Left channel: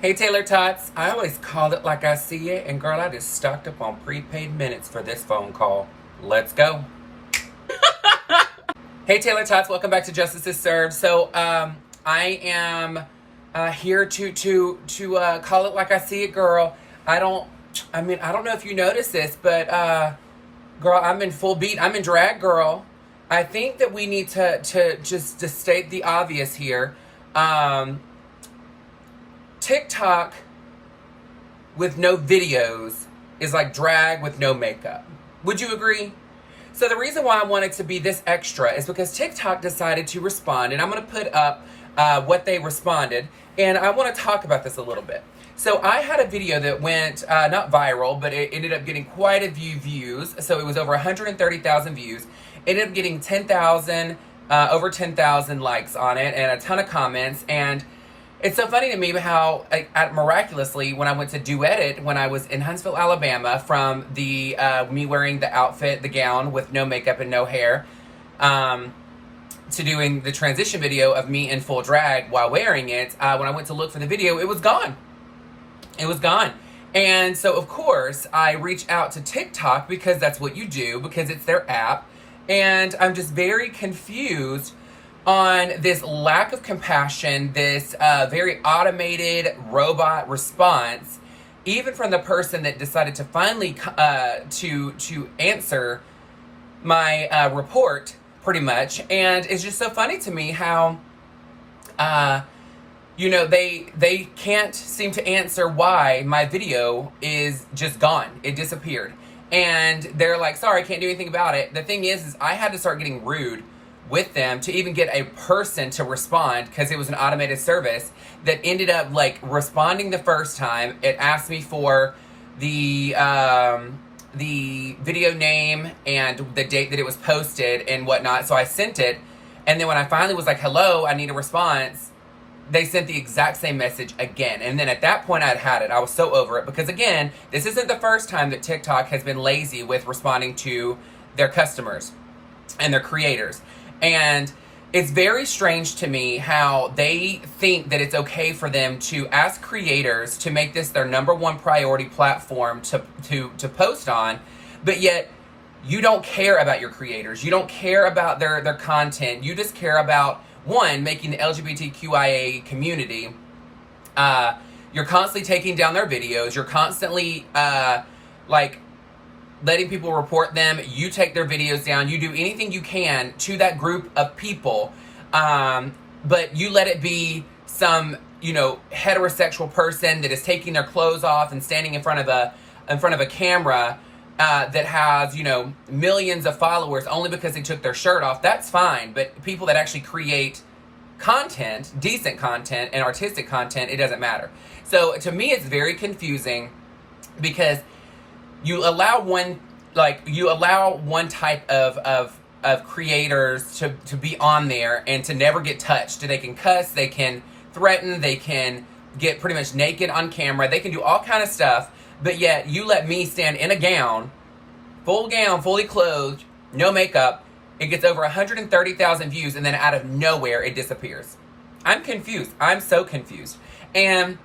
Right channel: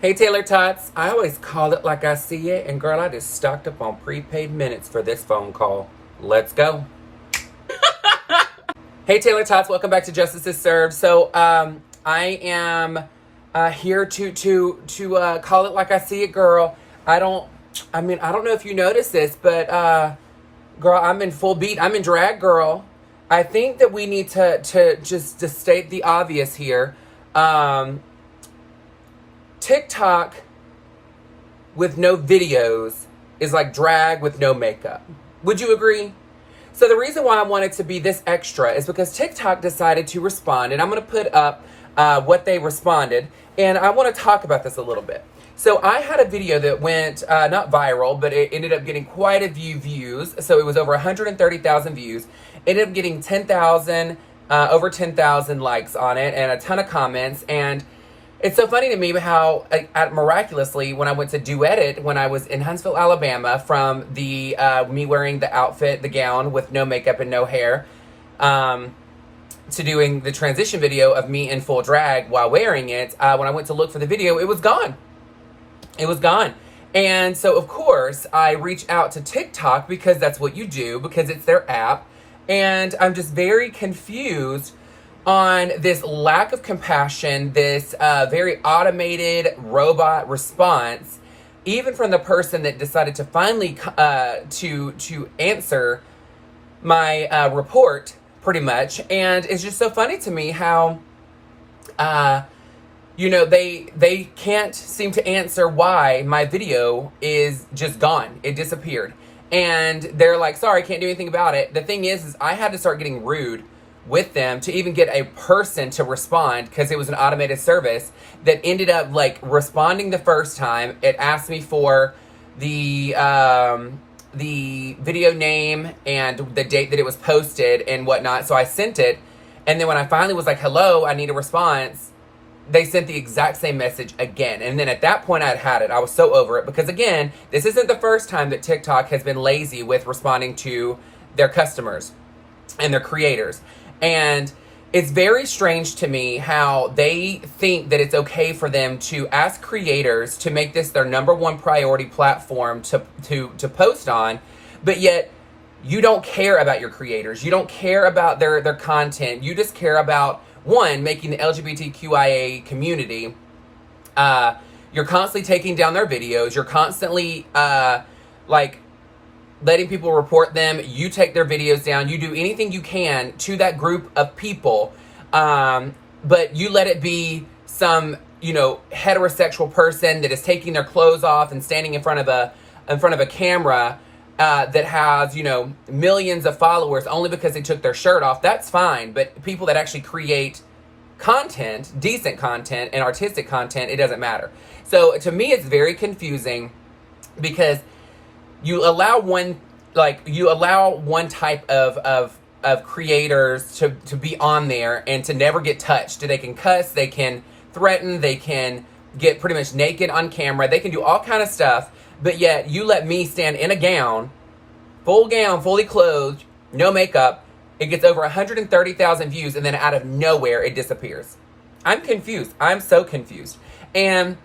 Hey Taylor-tots, I always call it like I see it, and girl, I just stocked up on prepaid minutes for this phone call. Let's go. Hey Taylor-tots, welcome back to Justice is Served. So I am here to call it like I see it, girl. I don't know if you noticed this, but girl, I'm in full beat. I'm in drag, girl. I think that we need to state the obvious here. TikTok with no videos is like drag with no makeup. Would you agree? So the reason why I wanted to be this extra is because TikTok decided to respond, and I'm going to put up what they responded, and I want to talk about this a little bit. So I had a video that went not viral, but it ended up getting quite a few views. So it was over 130,000 views. It ended up getting over 10,000 likes on it, and a ton of comments. And it's so funny to me how miraculously, when I went to duet it when I was in Huntsville, Alabama, from the me wearing the outfit, the gown with no makeup and no hair, to doing the transition video of me in full drag while wearing it, when I went to look for the video, it was gone. It was gone. And so, of course, I reached out to TikTok because that's what you do, because it's their app. And I'm just very confused on this lack of compassion, this very automated robot response, even from the person that decided to finally to answer my report, pretty much. And it's just so funny to me how they can't seem to answer why my video is just gone. It disappeared. And they're like, sorry, can't do anything about it. The thing is I had to start getting rude with them to even get a person to respond, because it was an automated service that ended up like responding the first time. It asked me for the video name and the date that it was posted and whatnot. So I sent it. And then when I finally was like, hello, I need a response, they sent the exact same message again. And then at that point I had it. I was so over it, because again, this isn't the first time that TikTok has been lazy with responding to their customers and their creators. And it's very strange to me how they think that it's okay for them to ask creators to make this their number one priority platform to post on, but yet you don't care about your creators. You don't care about their content. You just care about, one, making the LGBTQIA community. You're constantly taking down their videos. You're constantly letting people report them. You take their videos down. You do anything you can to that group of people, but you let it be some heterosexual person that is taking their clothes off and standing in front of a camera that has millions of followers only because they took their shirt off. That's fine, but people that actually create content, decent content and artistic content, it doesn't matter. So to me, it's very confusing, because you allow one type of creators to be on there and to never get touched. They can cuss, they can threaten, they can get pretty much naked on camera, they can do all kind of stuff, but yet you let me stand in a gown, fully clothed, no makeup. It gets over 130,000 views, and then out of nowhere it disappears. I'm confused. I'm so confused. And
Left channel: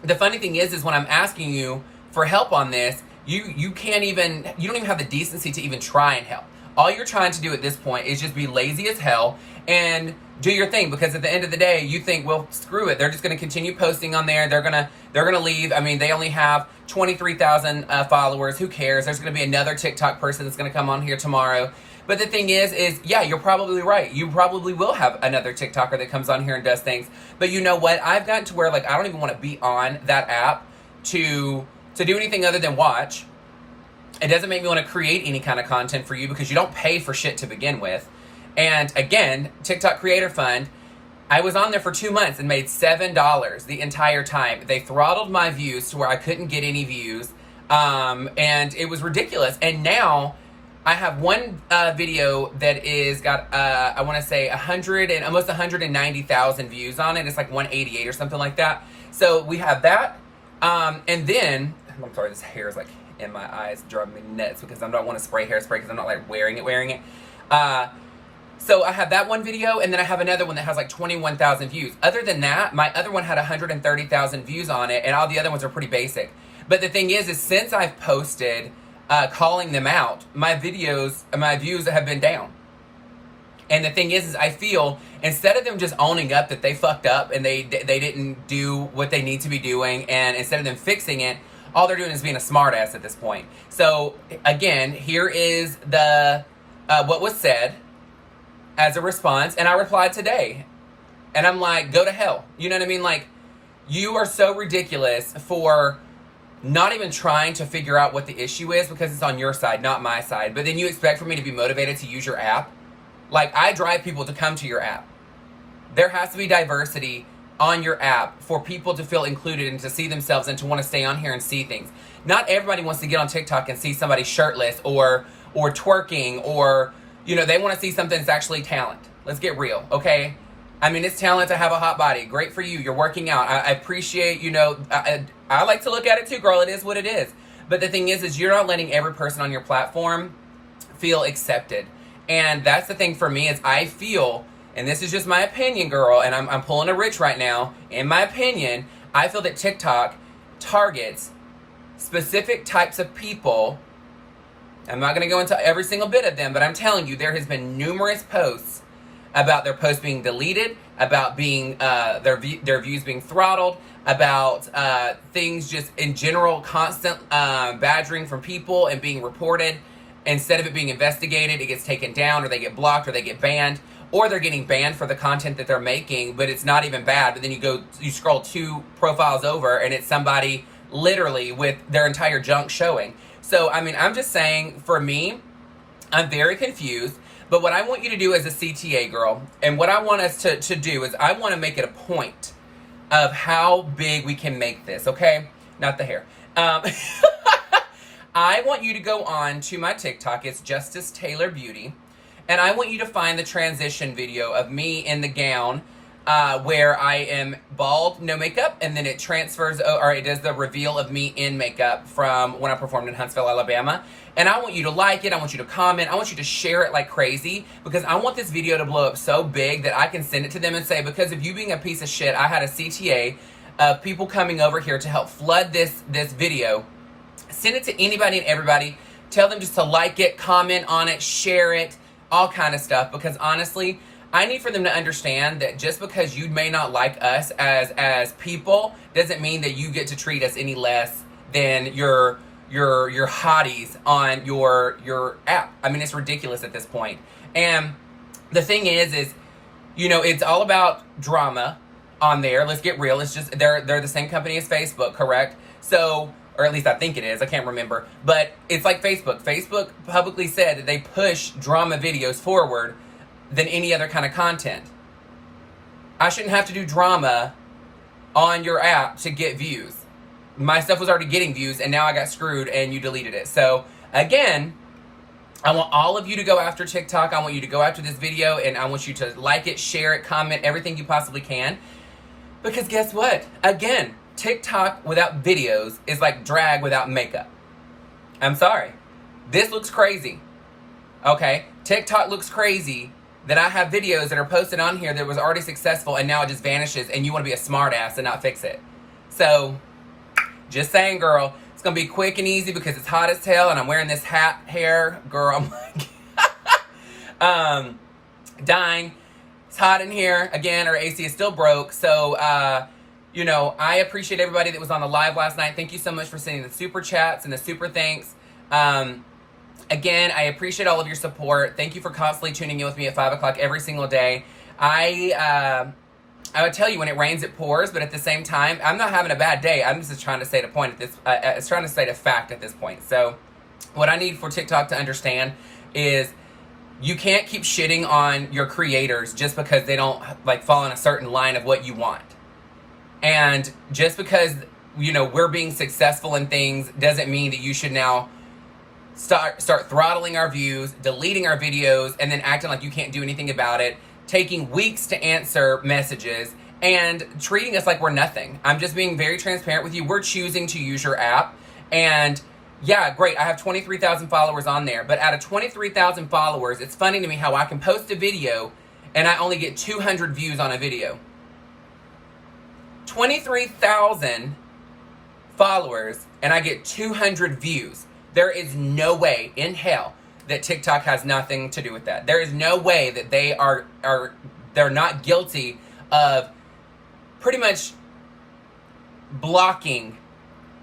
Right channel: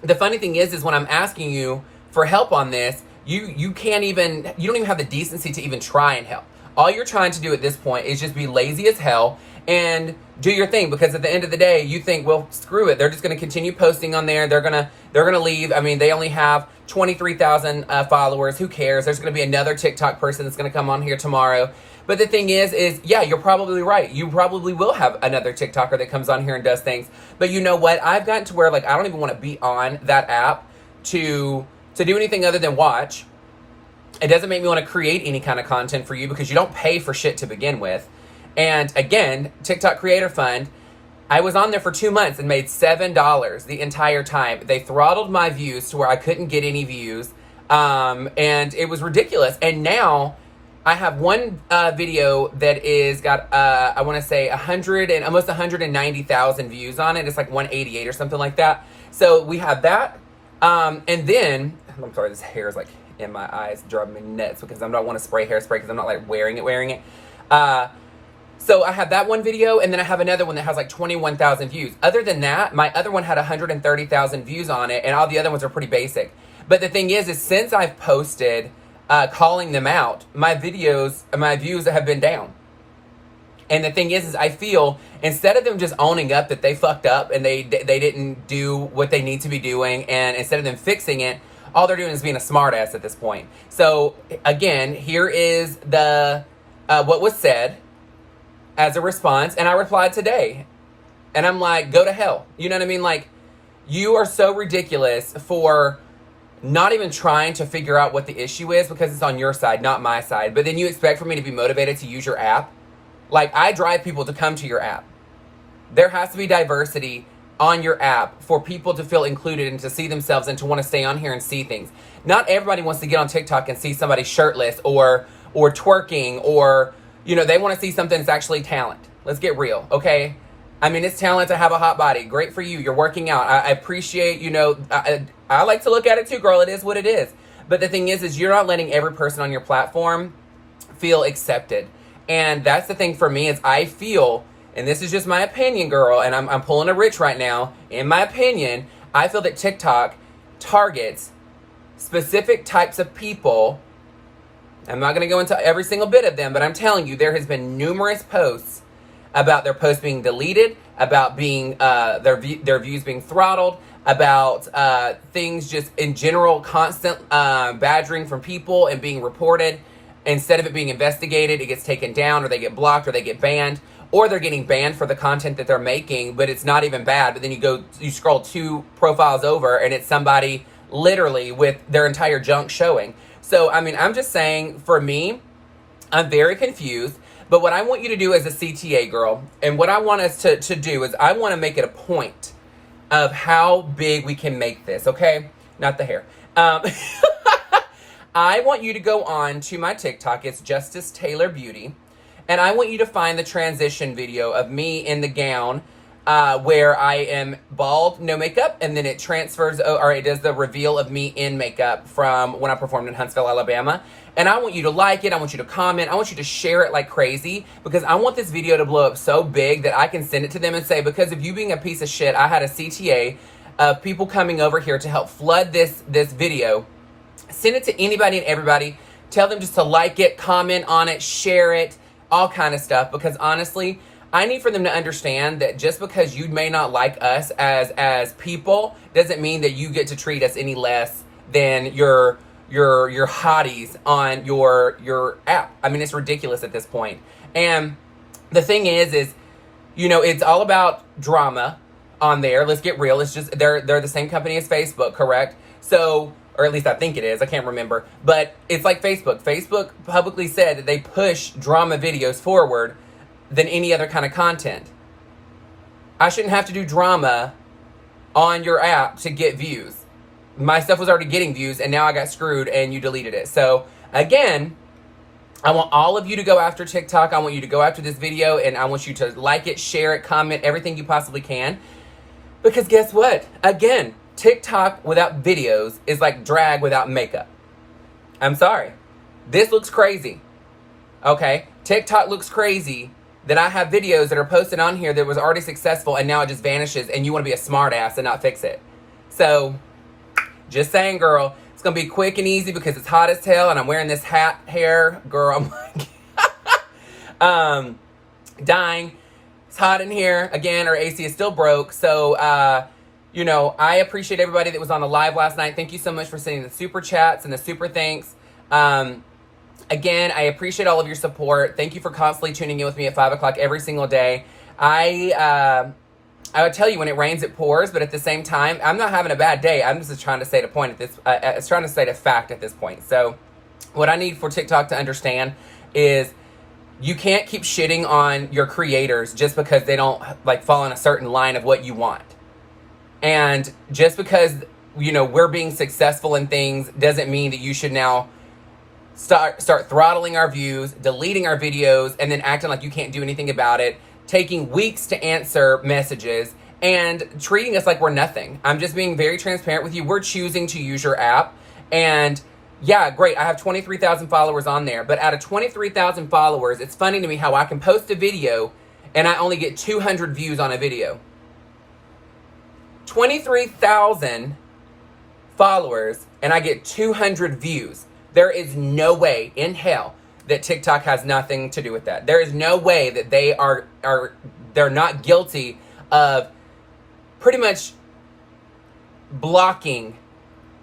the funny thing is when I'm asking you for help on this, you don't even have the decency to even try and help. All you're trying to do at this point is just be lazy as hell and do your thing, because at the end of the day, you think, well, screw it. They're just going to continue posting on there. They're going to leave. I mean, they only have 23,000 followers. Who cares? There's going to be another TikTok person that's going to come on here tomorrow. But the thing is yeah, you're probably right. You probably will have another TikToker that comes on here and does things. But you know what? I've gotten to where I don't even want to be on that app to do anything other than watch. It doesn't make me want to create any kind of content for you, because you don't pay for shit to begin with. And again, TikTok Creator Fund, I was on there for 2 months and made $7 the entire time. They throttled my views to where I couldn't get any views. And it was ridiculous. And now I have one video that is got, I want to say 100 and almost 190,000 views on it. It's like 188 or something like that. So we have that. And then, I'm sorry, this hair is in my eyes, driving me nuts, because I don't want to spray hairspray, because I'm not wearing it. So I have that one video, and then I have another one that has like 21,000 views. Other than that, my other one had 130,000 views on it, and all the other ones are pretty basic. But the thing is since I've posted calling them out, my views have been down. And the thing is I feel instead of them just owning up that they fucked up and they didn't do what they need to be doing, and instead of them fixing it, all they're doing is being a smartass at this point. So again, here is the what was said as a response, and I replied today, and I'm like, go to hell. You know what I mean? Like, you are so ridiculous for not even trying to figure out what the issue is because it's on your side, not my side. But then you expect for me to be motivated to use your app? Like, I drive people to come to your app. There has to be diversity on your app for people to feel included and to see themselves and to want to stay on here and see things. Not everybody wants to get on TikTok and see somebody shirtless or twerking, or, you know, they want to see something that's actually talent. Let's get real, okay? I mean, it's talent to have a hot body. Great for you. You're working out. I appreciate, you know, I like to look at it too, girl. It is what it is. But the thing is you're not letting every person on your platform feel accepted. And that's the thing for me is I feel, and this is just my opinion, girl, and I'm pulling a Rich right now. In my opinion, I feel that TikTok targets specific types of people. I'm not going to go into every single bit of them, but I'm telling you, there has been numerous posts about their posts being deleted, about being their views being throttled, about things just in general, constant badgering from people and being reported. Instead of it being investigated, it gets taken down, or they get blocked, or they get banned, or they're getting banned for the content that they're making, but it's not even bad. But then you scroll 2 profiles over, and it's somebody literally with their entire junk showing. So, I mean, I'm just saying, for me, I'm very confused. But what I want you to do as a CTA girl, and what I want us to do is I want to make it a point of how big we can make this, okay? Not the hair. I want you to go on to my TikTok. It's justicetaylorbeauty. And I want you to find the transition video of me in the gown where I am bald, no makeup, and then it transfers, or it does the reveal of me in makeup from when I performed in Huntsville, Alabama. And I want you to like it. I want you to comment. I want you to share it like crazy, because I want this video to blow up so big that I can send it to them and say, because of you being a piece of shit, I had a CTA of people coming over here to help flood this video. Send it to anybody and everybody. Tell them just to like it, comment on it, share it, all kind of stuff. Because honestly, I need for them to understand that just because you may not like us as people doesn't mean that you get to treat us any less than your hotties on your app. I mean, it's ridiculous at this point. And the thing is, you know, it's all about drama on there. Let's get real. It's just they're the same company as Facebook, correct? So, or at least I think it is. I can't remember. But it's like Facebook. Facebook publicly said that they push drama videos forward than any other kind of content. I shouldn't have to do drama on your app to get views. My stuff was already getting views, and now I got screwed and you deleted it. So again, I want all of you to go after TikTok. I want you to go after this video, and I want you to like it, share it, comment, everything you possibly can. Because guess what? Again, TikTok without videos is like drag without makeup. I'm sorry. This looks crazy. Okay? TikTok looks crazy that I have videos that are posted on here that was already successful, and now it just vanishes, and you want to be a smart ass and not fix it. So, just saying, girl, it's going to be quick and easy because it's hot as hell, and I'm wearing this hat hair, girl. Dying. It's hot in here. Again, our AC is still broke. So, you know, I appreciate everybody that was on the live last night. Thank you so much for sending the super chats and the super thanks. Again, I appreciate all of your support. Thank you for constantly tuning in with me at 5 o'clock every single day. I would tell you, when it rains, it pours, but at the same time, I'm not having a bad day. I'm just trying to state a point at this, trying to state a fact at this point. So what I need for TikTok to understand is you can't keep shitting on your creators just because they don't like fall in a certain line of what you want. And just because, you know, we're being successful in things doesn't mean that you should now start throttling our views, deleting our videos, and then acting like you can't do anything about it, taking weeks to answer messages, and treating us like we're nothing. I'm just being very transparent with you. We're choosing to use your app, and Yeah, great. I have 23,000 followers on there. But out of 23,000 followers, it's funny to me how I can post a video and I only get 200 views on a video. 23,000 followers and I get 200 views. There is no way in hell that TikTok has nothing to do with that. There is no way that they're not guilty of pretty much blocking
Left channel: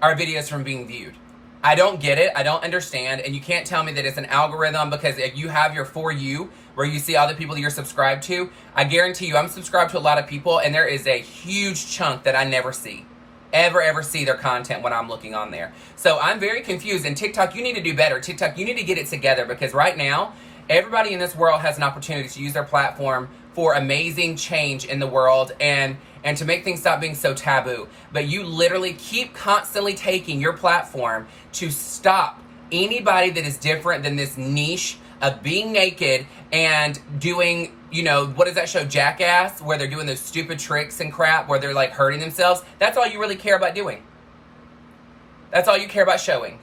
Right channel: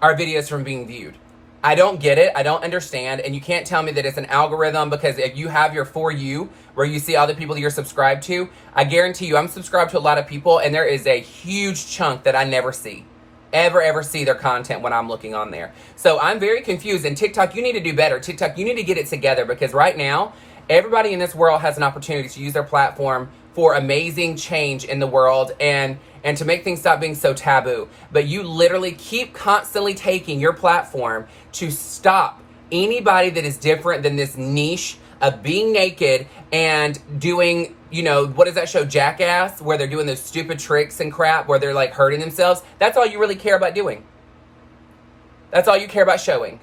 our videos from being viewed. I don't get it. I don't understand. And you can't tell me that it's an algorithm, because if you have your For You, where you see all the people you're subscribed to, I guarantee you I'm subscribed to a lot of people, and there is a huge chunk that I never see. Ever see their content when I'm looking on there. So I'm very confused. And TikTok, you need to do better. TikTok, you need to get it together, because right now, everybody in this world has an opportunity to use their platform for amazing change in the world and to make things stop being so taboo. But you literally keep constantly taking your platform to stop anybody that is different than this niche of being naked and doing, you know, what is that show, Jackass, where they're doing those stupid tricks and crap where they're like hurting themselves. That's all you really care about doing. That's all you care about showing.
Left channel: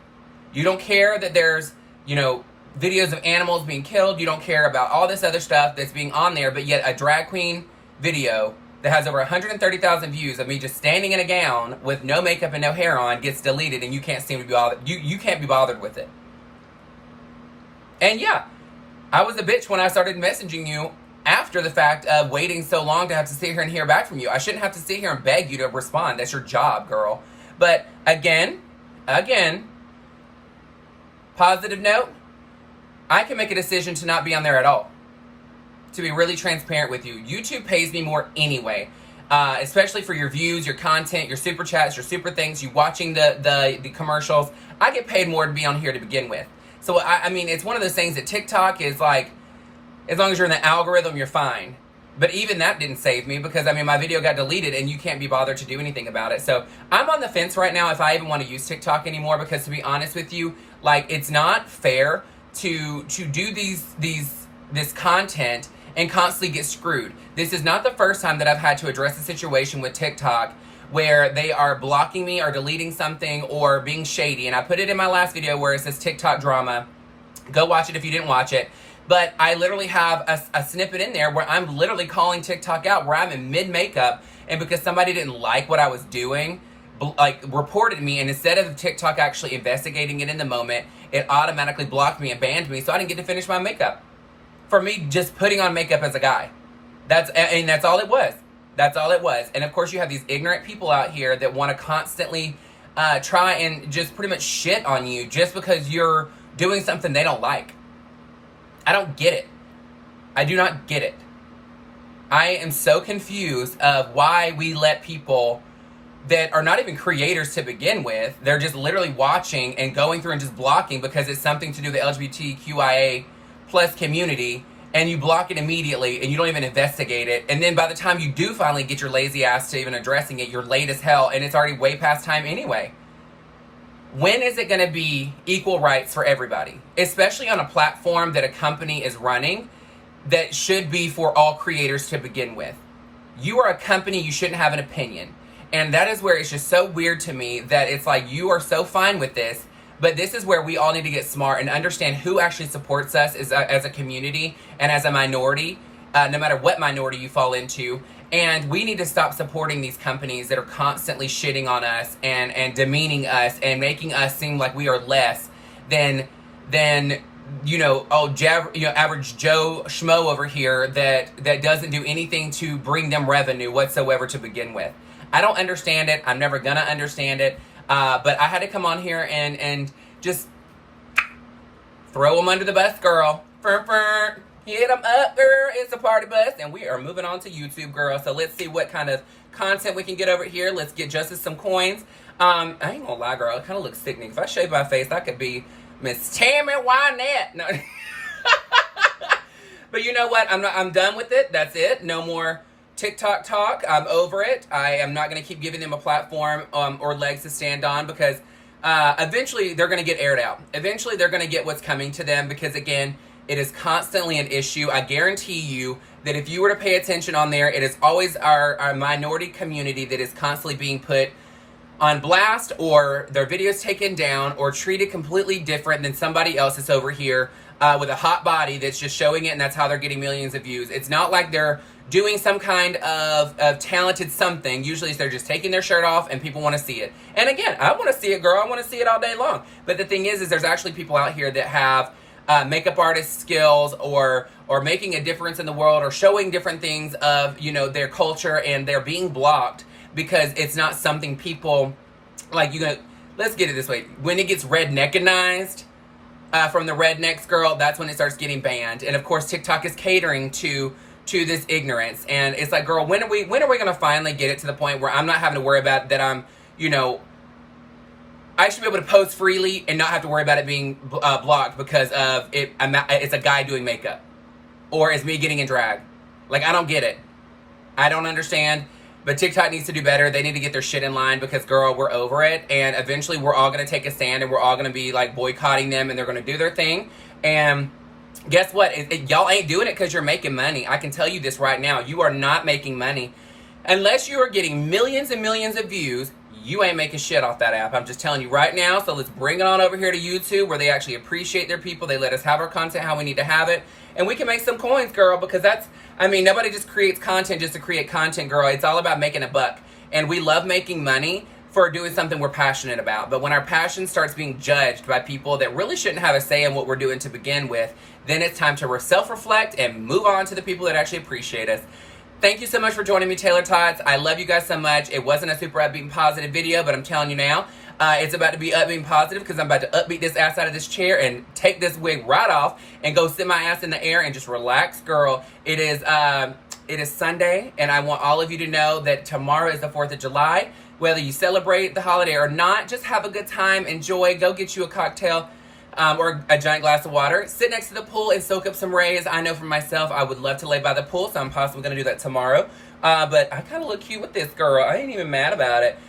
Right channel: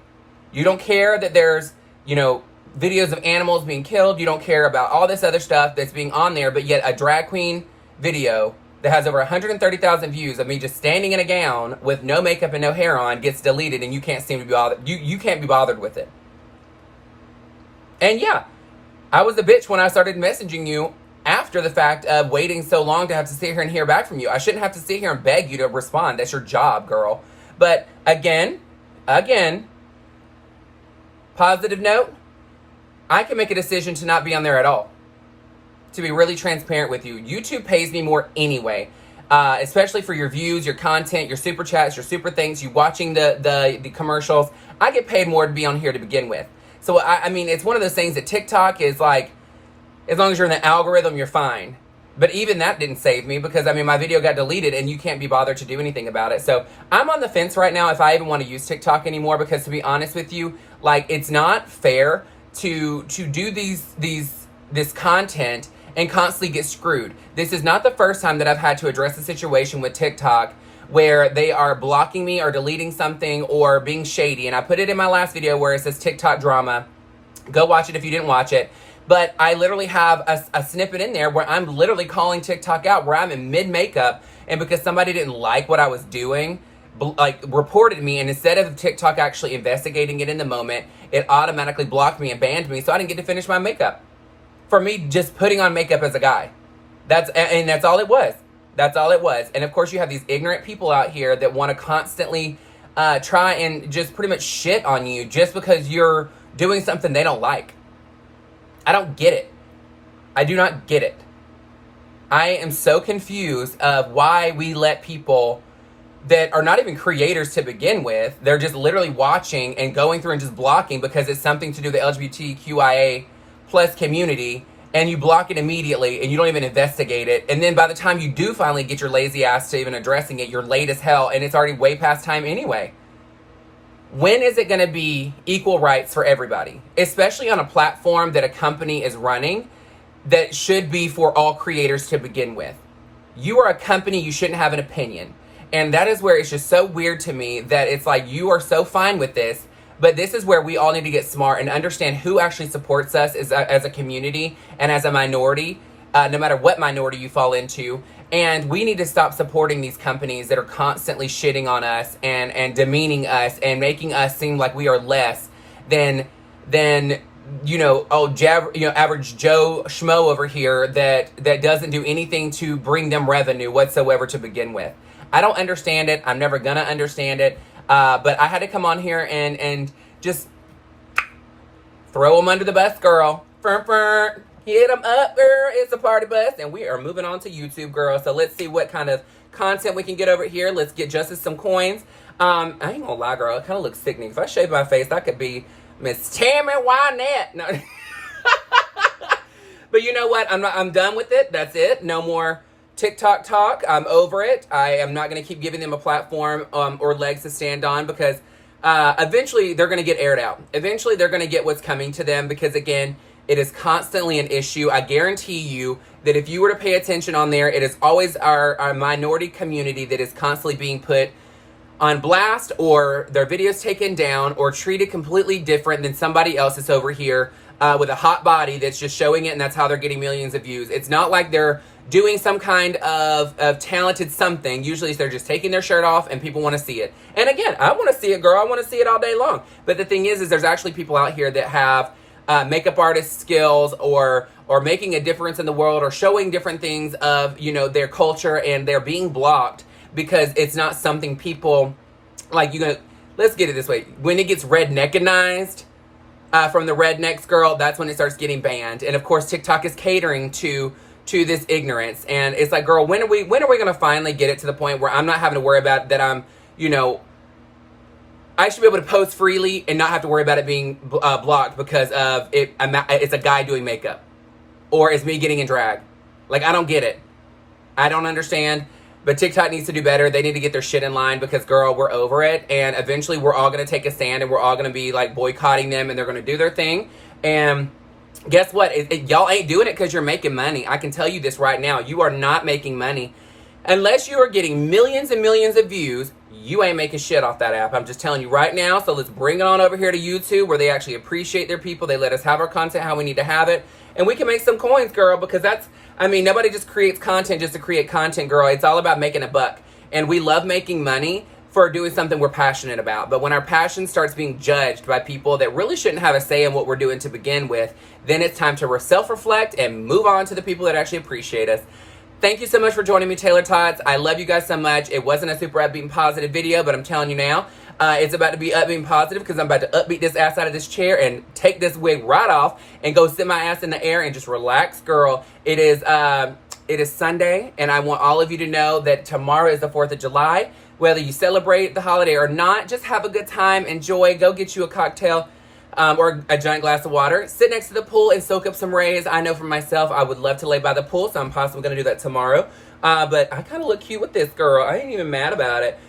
You don't care that there's, you know, videos of animals being killed. You don't care about all this other stuff that's being on there, but yet a drag queen video that has over 130,000 views of me just standing in a gown with no makeup and no hair on gets deleted, and you can't seem to be bothered. You can't be bothered with it. And yeah, I was a bitch when I started messaging you after the fact of waiting so long to have to sit here and hear back from you. I shouldn't have to sit here and beg you to respond. That's your job, girl. But again, positive note, I can make a decision to not be on there at all. To be really transparent with you, YouTube pays me more anyway, especially for your views, your content, your super chats, your super things, you watching the commercials. I get paid more to be on here to begin with. So I mean, it's one of those things that TikTok is like, as long as you're in the algorithm, you're fine. But even that didn't save me, because I mean, my video got deleted and you can't be bothered to do anything about it. So I'm on the fence right now if I even want to use TikTok anymore, because to be honest with you, like, it's not fair to do this content and constantly get screwed. This is not the first time that I've had to address a situation with TikTok where they are blocking me or deleting something or being shady. And I put it in my last video where it says TikTok drama. Go watch it if you didn't watch it. But I literally have a snippet in there where I'm literally calling TikTok out, where I'm in mid-makeup, and because somebody didn't like what I was doing, like, reported me, and instead of TikTok actually investigating it in the moment, it automatically blocked me and banned me, so I didn't get to finish my makeup. For me just putting on makeup as a guy. That's all it was. That's all it was. And of course you have these ignorant people out here that want to constantly try and just pretty much shit on you just because you're doing something they don't like. I don't get it. I do not get it. I am so confused of why we let people that are not even creators to begin with, they're just literally watching and going through and just blocking because it's something to do with the LGBTQIA plus community, and you block it immediately and you don't even investigate it. And then by the time you do finally get your lazy ass to even addressing it, you're late as hell and it's already way past time anyway. When is it going to be equal rights for everybody? Especially on a platform that a company is running that should be for all creators to begin with. You are a company, you shouldn't have an opinion. And that is where it's just so weird to me that it's like you are so fine with this, but this is where we all need to get smart and understand who actually supports us as a community and as a minority, no matter what minority you fall into. And we need to stop supporting these companies that are constantly shitting on us and demeaning us and making us seem like we are less than average Joe Schmo over here that doesn't do anything to bring them revenue whatsoever to begin with. I don't understand it. I'm never gonna understand it. But I had to come on here and just throw them under the bus, girl. Hit them up, girl. It's a party bus. And we are moving on to YouTube, girl. So let's see what kind of content we can get over here. Let's get Justice some coins. I ain't gonna lie, girl. It kind of looks sickening. If I shave my face, I could be Miss Tammy Wynette. No. But you know what? I'm done with it. That's it. No more TikTok talk. I'm over it. I am not going to keep giving them a platform or legs to stand on, because eventually they're going to get aired out. Eventually they're going to get what's coming to them, because again, it is constantly an issue. I guarantee you that if you were to pay attention on there, it is always our minority community that is constantly being put on blast, or their videos taken down, or treated completely different than somebody else that's over here with a hot body that's just showing it, and that's how they're getting millions of views. It's not like they're doing some kind of talented something. Usually they're just taking their shirt off and people want to see it. And again, I want to see it, girl. I want to see it all day long. But the thing is there's actually people out here that have makeup artist skills, or making a difference in the world, or showing different things of, you know, their culture, and they're being blocked because it's not something people like. Let's get it this way: when it gets redneckanized from the rednecks, girl, that's when it starts getting banned. And of course TikTok is catering to this ignorance, and it's like, girl, when are we gonna finally get it to the point where I'm not having to worry about that? I'm, you know, I should be able to post freely and not have to worry about it being blocked because of it. It's a guy doing makeup, or it's me getting in drag. Like, I don't get it. I don't understand. But TikTok needs to do better. They need to get their shit in line, because, girl, we're over it. And eventually we're all going to take a stand, and we're all going to be, like, boycotting them, and they're going to do their thing. And guess what? Y'all ain't doing it because you're making money. I can tell you this right now. You are not making money. Unless you are getting millions and millions of views, you ain't making shit off that app. I'm just telling you right now. So let's bring it on over here to YouTube, where they actually appreciate their people. They let us have our content how we need to have it. And we can make some coins, girl, because nobody just creates content just to create content, girl. It's all about making a buck. And we love making money for doing something we're passionate about. But when our passion starts being judged by people that really shouldn't have a say in what we're doing to begin with, then it's time to self-reflect and move on to the people that actually appreciate us. Thank you so much for joining me, Taylor-tots. I love you guys so much. It wasn't a super upbeat and positive video, but I'm telling you now, it's about to be upbeat and positive, because I'm about to upbeat this ass out of this chair and take this wig right off and go sit my ass in the air and just relax, girl. It is Sunday, and I want all of you to know that tomorrow is the 4th of July. Whether you celebrate the holiday or not, just have a good time, enjoy, go get you a cocktail or a giant glass of water. Sit next to the pool and soak up some rays. I know for myself, I would love to lay by the pool, so I'm possibly going to do that tomorrow. But I kind of look cute with this, girl. I ain't even mad about it.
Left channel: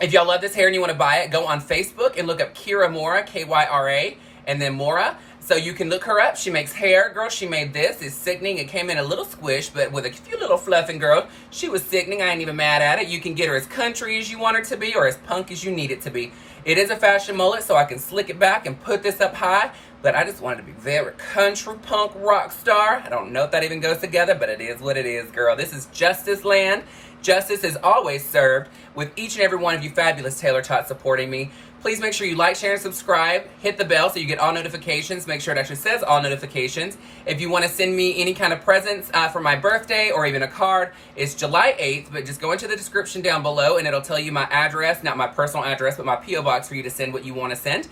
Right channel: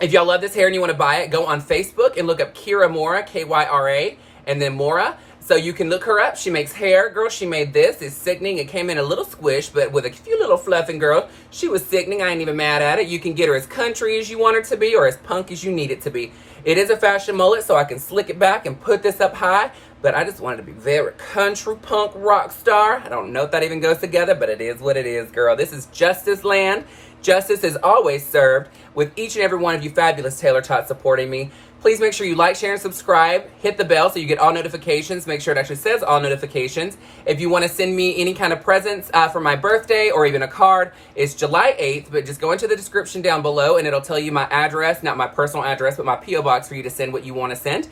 If y'all love this hair and you want to buy it, go on Facebook and look up Kyra Mora, Kyra, and then Mora. So you can look her up. She makes hair. Girl, she made this. It's sickening. It came in a little squish, but with a few little fluffing, girl. She was sickening. I ain't even mad at it. You can get her as country as you want her to be, or as punk as you need it to be. It is a fashion mullet, so I can slick it back and put this up high, but I just wanted to be very country punk rock star. I don't know if that even goes together, but it is what it is, girl. This is Justice Land. Justice is always served with each and every one of you fabulous Taylor-tots supporting me. Please make sure you like, share, and subscribe. Hit the bell so you get all notifications. Make sure it actually says all notifications. If you want to send me any kind of presents for my birthday, or even a card, it's July 8th, but just go into the description down below and it'll tell you my address, not my personal address, but my P.O. box for you to send what you want to send.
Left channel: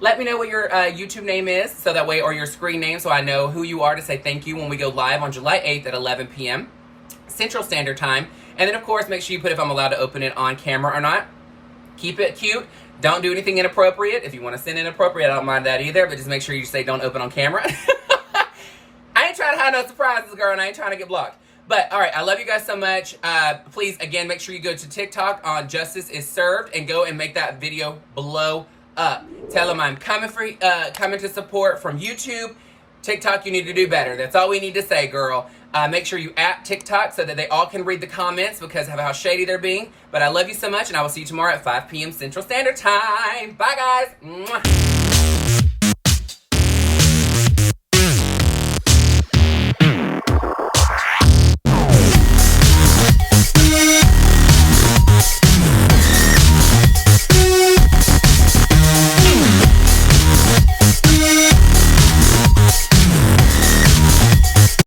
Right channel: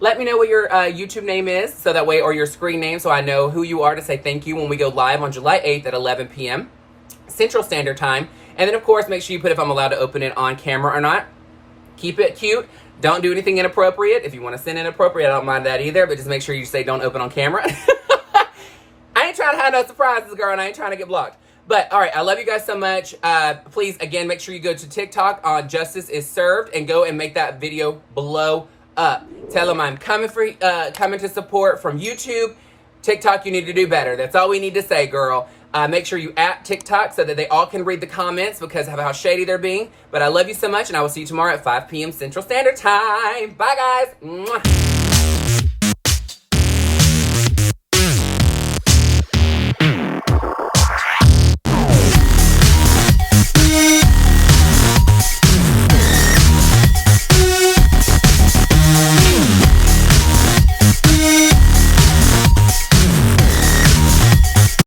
Let me know what your YouTube name is, so that way, or your screen name, so I know who you are to say thank you when we go live on July 8th at 11 p.m. Central Standard Time. And then, of course, make sure you put if I'm allowed to open it on camera or not. Keep it cute. Don't do anything inappropriate. If you want to send inappropriate, I don't mind that either, but just make sure you say don't open on camera. I ain't trying to have no surprises, girl, and I ain't trying to get blocked. But, all right, I love you guys so much. Please, again, make sure you go to TikTok on Justice is Served and go and make that video blow up. Tell them I'm coming to support from YouTube. TikTok, you need to do better. That's all we need to say, girl. Make sure you at TikTok so that they all can read the comments because of how shady they're being. But I love you so much, and I will see you tomorrow at 5 p.m. Central Standard Time. Bye, guys. Mwah.